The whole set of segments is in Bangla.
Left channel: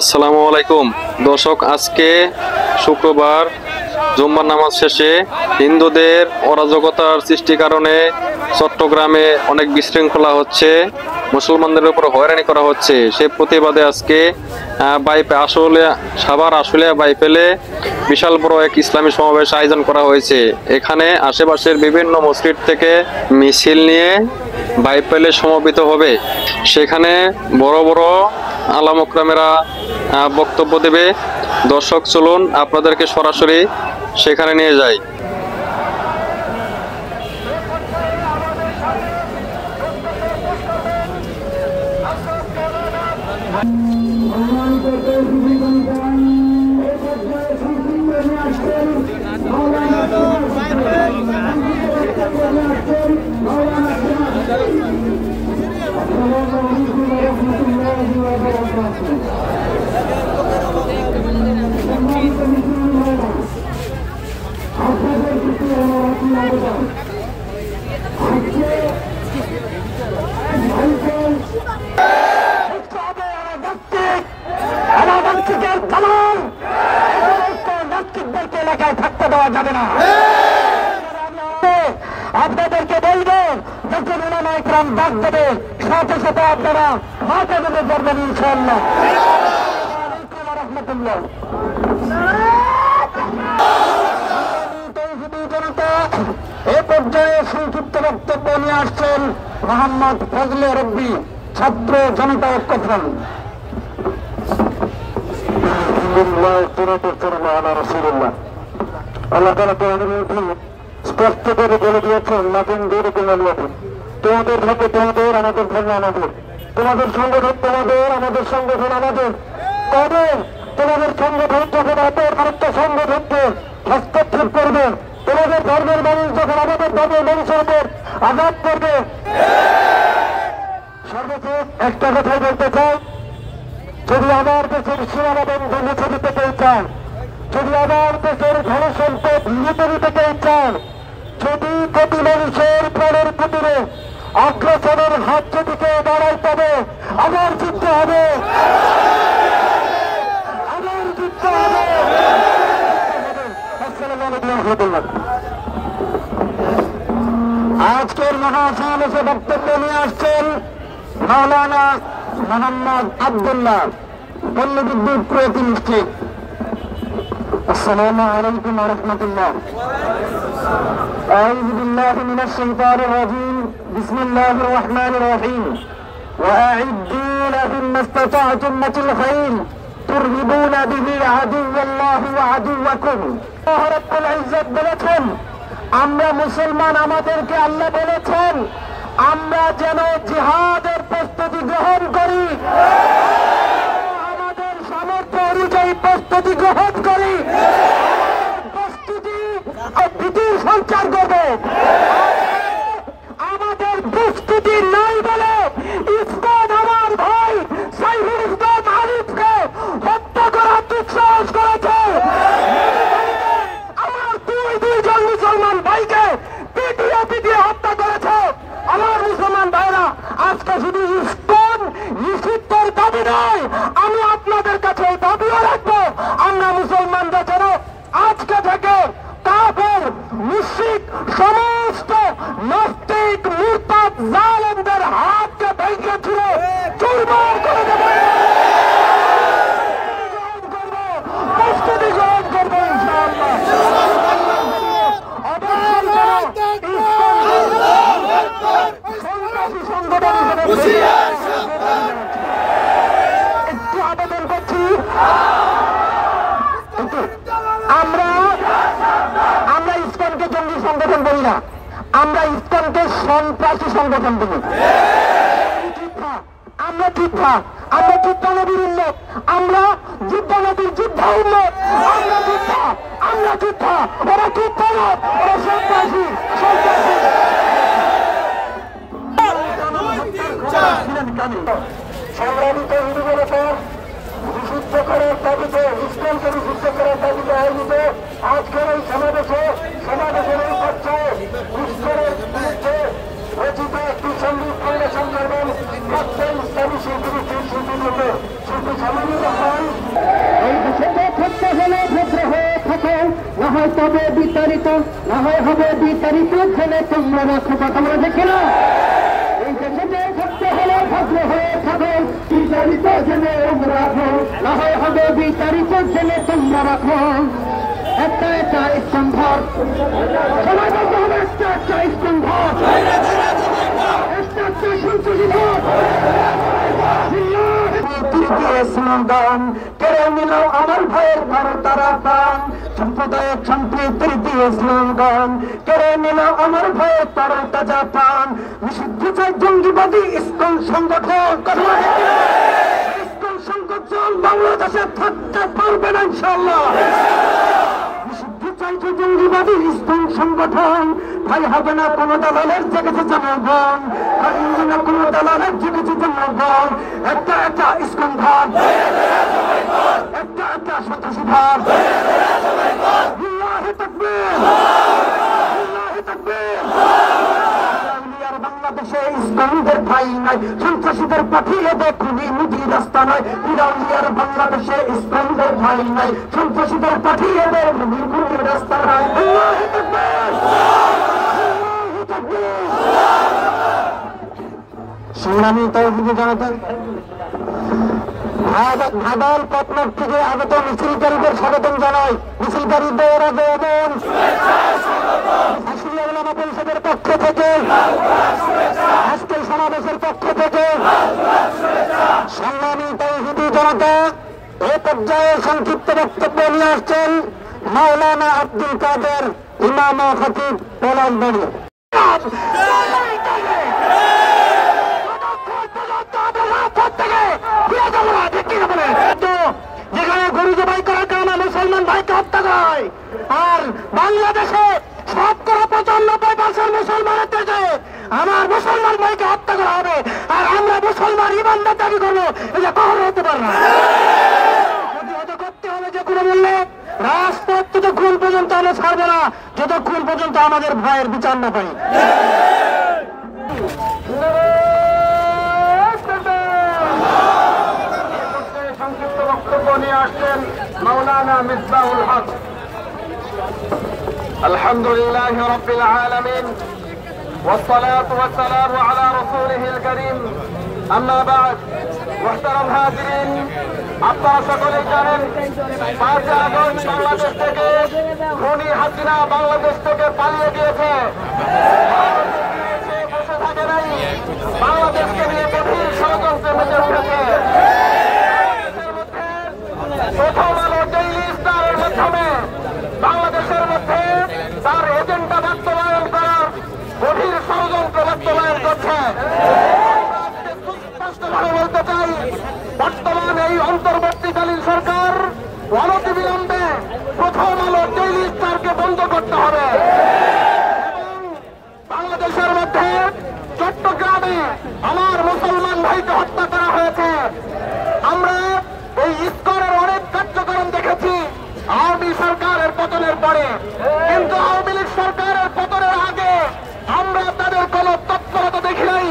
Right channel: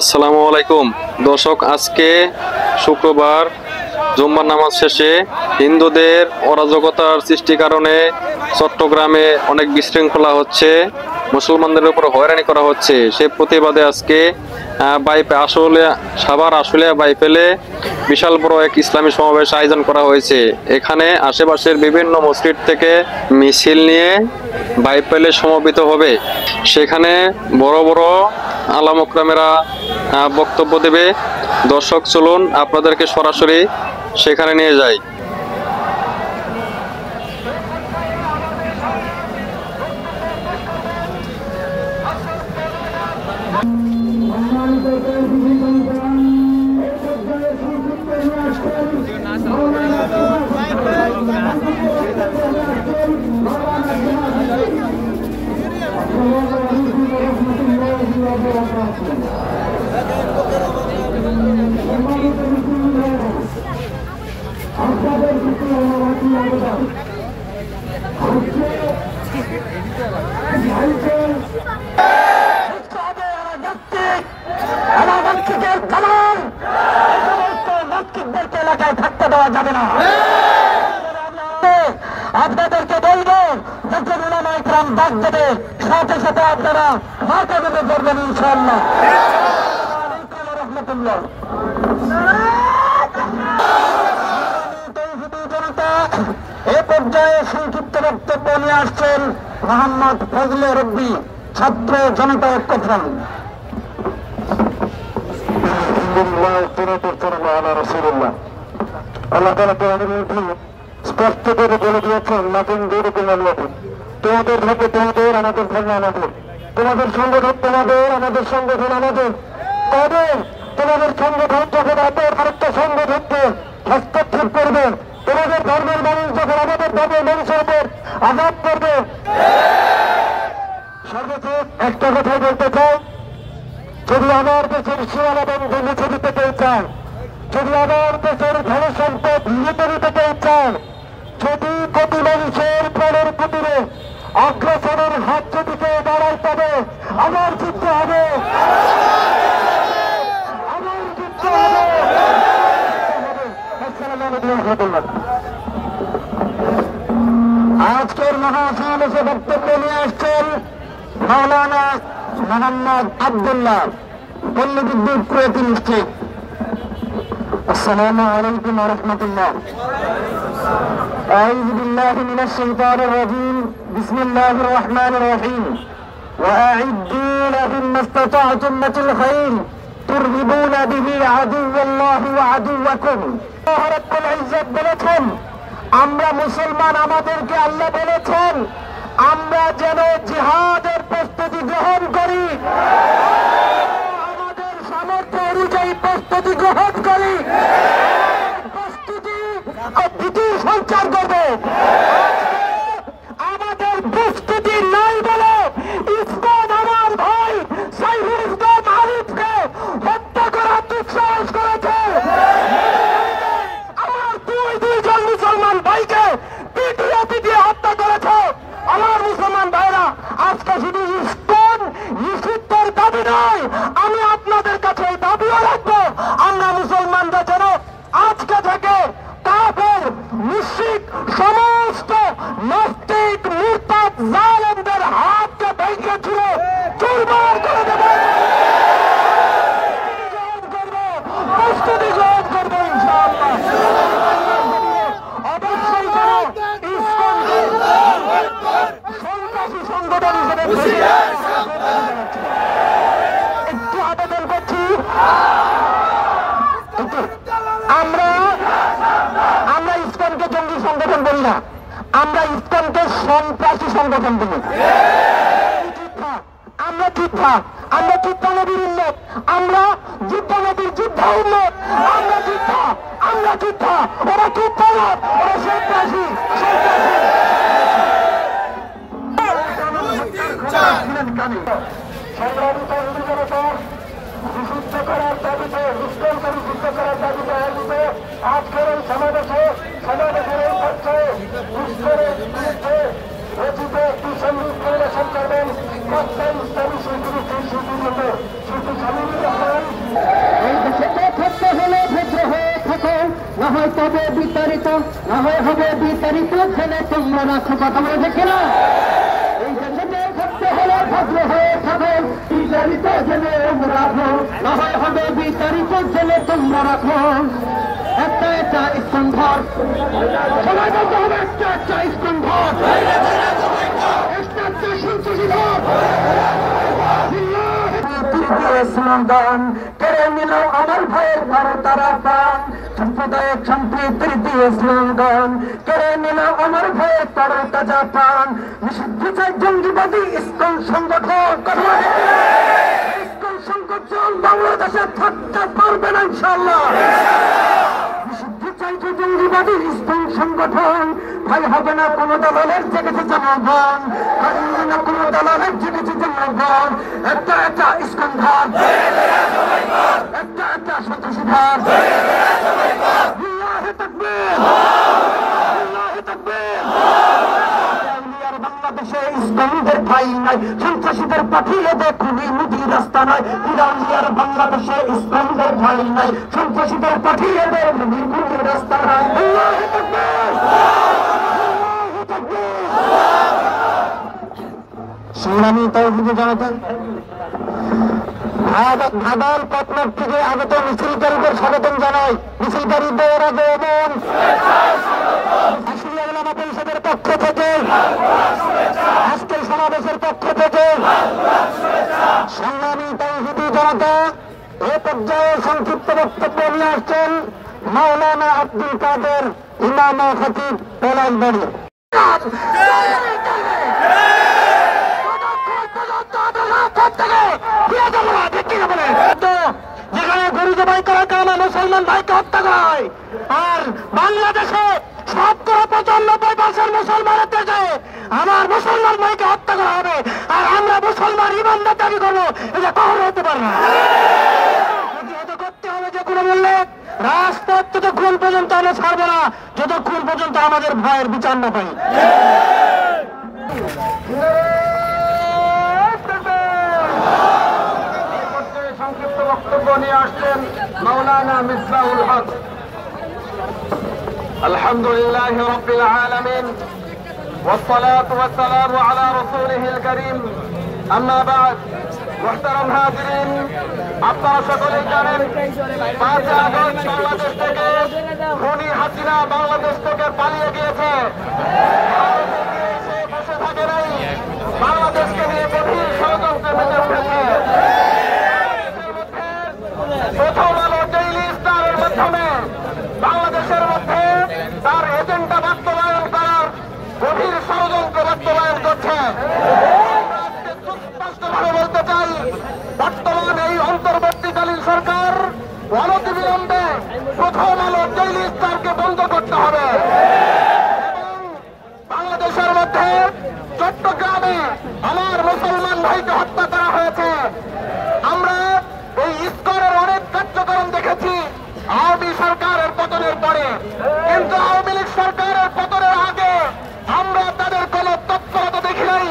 আসসালামু আলাইকুম দর্শক, আজকে শুক্রবার জুম্মার নামাজ শেষে হিন্দুদের অরাজকতার সৃষ্টির কারণে চট্টগ্রামে অনেক বিশৃঙ্খলা হচ্ছে, মুসলমানদের উপর হয়রানি করা হচ্ছে। সে প্রতিবাদে আজকে সাভার আশুলিয়া বাইপেলে বিশাল বড় এক ইসলামী সমাবেশ আয়োজন করা হয়েছে। এখানে আশেপাশের বিভিন্ন মসজিদ থেকে মিছিল নিয়ে বাইপেলে সমবেত হবে। সেখানে বড় বড় আলেম ওলামারা বক্তব্য দেবে। দর্শক, চলুন আপনাদেরকে সরাসরি সেখানে নিয়ে যাই। এলাকায় থাকতে দেওয়া যাবে না। আপনাদেরকে বলবো, যখন উলামা ইকরাম ডাক দেবে সাথে সাথে আপনারা মাথা দিতে পারবেন ইনশাআল্লাহ। রহমতুল্লাহ। এ পর্যায়ে সংক্ষিপ্ত বক্তব্য নিয়ে আসছেন মোহাম্মদ ফজলে রব্বি, ছাত্র জনতা ঐক্য ফ্রন্ট। আল্লাহ তাআলা কোরআনের মধ্যে স্পষ্ট করে বলে দিয়েছেন, লাকিন দূরকুম আল্লাহু, তোমাদের থাকে তোমাদের, আমাদের থাকে আমাদের, তোমাদের সংগঠন তোমাদের, আমাদের সংগঠন আমাদের। তবে তোমাদের সংগঠন যখন আমাদের আরেকটা সংগঠনকে হস্তক্ষেপ করবে, তোমাদের ধর্মের মানুষ যখন আমাদের ধর্মের মানুষের উপর আঘাত করবে। সর্বশেষ একটা কথাই বলতে চাই, যদি আমার দেশের সীমানাবন্ধ মুছে দিতে কেউ চায়, যদি আমার দেশের ধন সম্পদ লুটে দিতে কেউ চায়, যদি কোটি মানুষের প্রাণের পুতুলে অগ্রসরের হাত যদি কেউ দাঁড়ায়, তবে আমার যুদ্ধ হবে, আমার যুদ্ধ হবে। আজকের মহাসমাবেশে বক্তব্য নিয়ে আসছেন মাওলানা মোহাম্মদ আব্দুল্লাহ, পল্লীবিদ্যুৎ প্রতি নিশ্চিত। আসসালামু আলাইকুম ওয়া রাহমাতুল্লাহ। আউযু বিল্লাহি মিনাশ শাইতানির রাজীম। বিসমিল্লাহির রহমানির রহিম। ওয়া আ'ইদ্দু লাহুম মাসতাতা'তুম মিনাল খায়র তুরহিবুনা বিহি আদুওয়াল্লাহি ওয়া আদুওয়াকুম। আল্লাহ রাব্বুল ইজ্জত বলেছেন, আমরা মুসলমান, আমাদেরকে আল্লাহ বলেছেন আমরা যেন জিহাদের প্রস্তুতি গ্রহণ করি, আমাদের সামর্থ্য অনুযায়ী প্রস্তুতি গ্রহণ করি। প্রস্তুতি ভীতি সঞ্চার করবে, আমাদের প্রস্তুতি নাই বলে ইসলাম আমার ভাই সাইফুল ইসলাম আরিফকে হত্যা করার দুঃসাহস করেছে। আমার দুইজন মুসলমান ভাইকে পিটিয়ে দিয়ে হত্যা করেছে। আমার মুসলমান ভাইরা, আজকে শুধু ইসলাম নিষিদ্ধের দাবি নয়, আমি আপনাদের কাছে দাবিও রাখবো, আমরা মুসলমানরা যেন আজকে থেকে কাফের মুশরিক সমস্ত নাস্তিক মুরতাদ জালেমদের হাতকে ভেঙে ছুঁড়ে চুরমার করে দেবে। প্রস্তুতি গ্রহণ করবো ইনশাআল্লাহ। অবশ্যই যেন সন্ত্রাসী সংগঠন হিসেবে একটু আবেদন করছি, আমরা ইসলামকে জঙ্গি সংগঠন বলি না, আমরা ইসলামকে সন্ত্রাসী সংগঠন বলি। আমরা যোদ্ধা, আমরা যুদ্ধানবীর উন্নত, আমরা যুদ্ধানবীর যোদ্ধা উন্নত, আমরা যোদ্ধা, আমরা যোদ্ধা, ওরা যোদ্ধা না, ওরা সন্ত্রাসী। সংগ্রামিত হিন্দুদের উপর বিশুদ্ধ করার দাবিতে, ইসলামকে বিশুদ্ধ করার দাবিতে আয়োজিত আজকের এই সমাবেশে ঈশ্বরের বিরুদ্ধে রচিত একটি সঙ্গীত পরিবেশন করবেন প্রাক্তন ইসলামী শিল্পী শিল্পী সামিনুর রহমান। হয় তবে বিতাড়িত, না হয় হবে বিতাড়িত, জেনে তোমরা রাখো। কথা বলে দেখে না, এই দেশে থাকতে হলে ভদ্র হয়ে থাকো, বিতাড়িত জেনে রাখো, না হয় হবে বিতাড়িত, জেনে তোমরা রাখো। একটা একটা স্তম্ভর সবাই বলতে হবে, একটা একটা স্তম্ভর, একটা একটা তৃতীয় স্লোগান কেড়ে নিল আমার ভাইয়ের তারা প্রাণ। সাম্প্রদায়িক সম্প্রীতির তৃতীয় স্লোগান কেড়ে নিল আমার ভাইয়ের তাজা প্রাণ। নিষিদ্ধ চাই জঙ্গিবাদী ইসকন সংগঠন, ইসকন সংগঠন বাংলাদেশে থাকতে পারবে না ইনশাআল্লাহ। নিষিদ্ধ চাইছে জঙ্গিবাদী ইসকন সংগঠন, ভাই হবে না কোন দালালের জেগেছে জনগণ, ভাই হবে না কোন দালালের জেগেছে জনগণ। একটা একটা ইসকন ভাব, একটা একটা সন্ত্রাসী ভাব। আল্লাহু তাকবীর, আল্লাহু তাকবীর। বাংলাদেশে ইসলামীদের ঠাঁই নাই, সন্ত্রাসীদের পাঠিয়ে দেখুনি মুদি রাস্তা নাই। ইরানিয়ার বাংলাদেশে ইসলামীদের ঠাঁই নাই, সন্ত্রাসীদের পাঠিয়ে দেখুনি মুদি রাস্তা নাই। আল্লাহু তাকবীর, আল্লাহু তাকবীর। সংগ্রামী তৌহিদি জনতা, ভাদাল পাটনার থেকে আগত মিছিলকারীদের স্বাগতম জানাই। মিছিলকারীদের আগমন পরিষদের পক্ষ থেকে, আজকের সমাবেশের পক্ষ থেকে সংগ্রামী তৌহিদি জনতা, এ পর্যায়ে সংক্ষিপ্ত বক্তব্য নিয়ে আসছেন মাওলানা আব্দুল কাদের ইমাম খতিব পলাশবাড়ি। যেখানে গরু জবাই করা কামে মুসলমান ভাইকে হত্যা করা হয়, আর বাংলাদেশে 95% মুসলমানের দেশে আমার মুসলমান ভাইকে হত্যা করা হবে, আর আমরা মুসলমান ইমানদার দাবি করবো, এটা কখনো হতে পারে না। প্রতিহত করতে হবে যে কোনো মূল্যে। রাজপথ ততক্ষণ পর্যন্ত আমরা ছাড়বো না যতক্ষণ পর্যন্ত আমাদের ভাইয়ের বিচার না পাই। সংক্ষিপ্ত বক্তব্য নিয়ে আসছেন মাওলানা মিসবাহুল হক। আলহামদুলিল্লাহ রাব্বিল আলামিন والصلاة والسلام على رسوله الكريم أما بعد محترم হাজিরিন, আপনারা সকলেই জানেন 5 আগস্ট বাংলাদেশ থেকে খুনি হাসিনা বাংলাদেশ থেকে পালিয়ে গিয়েছে। বসে থাকে নাই, বাংলাদেশকে নিয়ে গভীর ষড়যন্ত্রে মেতে উঠেছে। প্রথম আলো ডেইলি স্টারের মাধ্যমে বাংলাদেশের মধ্যে তার এজেন্ডা বাস্তবায়ন করার গভীর ষড়যন্ত্র বাস্তবায়ন করছে। স্পষ্টভাবে বলতে চাই, বর্তমান এই অন্তর্বর্তীকালীন সরকার অনতিবিলম্বে প্রথম আলো ডেইলি স্টারকে বন্ধ করতে হবে এবং বাংলাদেশের মধ্যে চট্টগ্রামে আমার মুসলমান ভাইকে হত্যা করা হয়েছে। আমরা এই ইসকনের অনেক কার্যক্রম দেখেছি আওয়ামী সরকারের পতনের পরে, কিন্তু আওয়ামী লীগ সরকারের পতনের আগে আমরা তাদের কোন তৎপরতা দেখি নাই।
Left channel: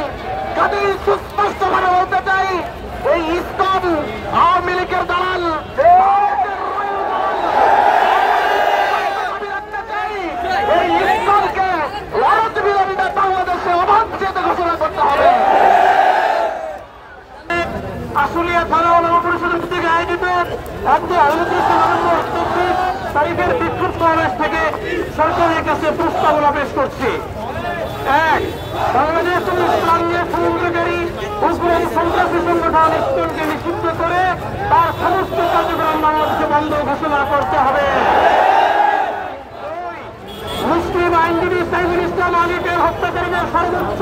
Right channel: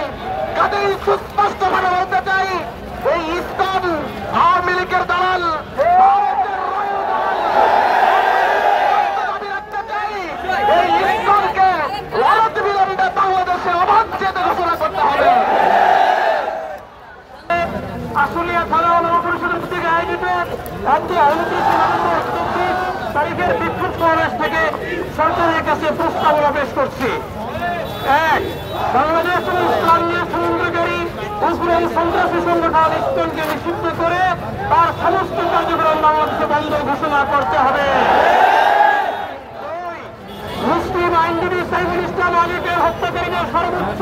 কাজেই সুস্পষ্টভাবে বলতে চাই, এই ইসকন আওয়ামী লীগের দালাল, এই ইসকনকে অনতিবিলম্বে বাংলাদেশে অবাঞ্ছিত ঘোষণা করতে হবে। আশুলিয়া থানা নবপরিষদের থেকে আয়োজিত তারিখের বিক্ষোভ সমাবেশ থেকে সরকারের কাছে প্রস্তাবনা পেশ করছি। বাংলাদেশ ইসলামীয় সংযোগকারী উগ্রবাদী সন্ত্রাসী সংগঠন ইসকনকে নিষিদ্ধ করে তার সমস্ত কার্যক্রম বাংলাদেশে বন্ধ ঘোষণা করতে হবে। মুসলিম আইনজীবী সাইফুল ইসলাম আলীকে হত্যাকারীদের সর্বোচ্চ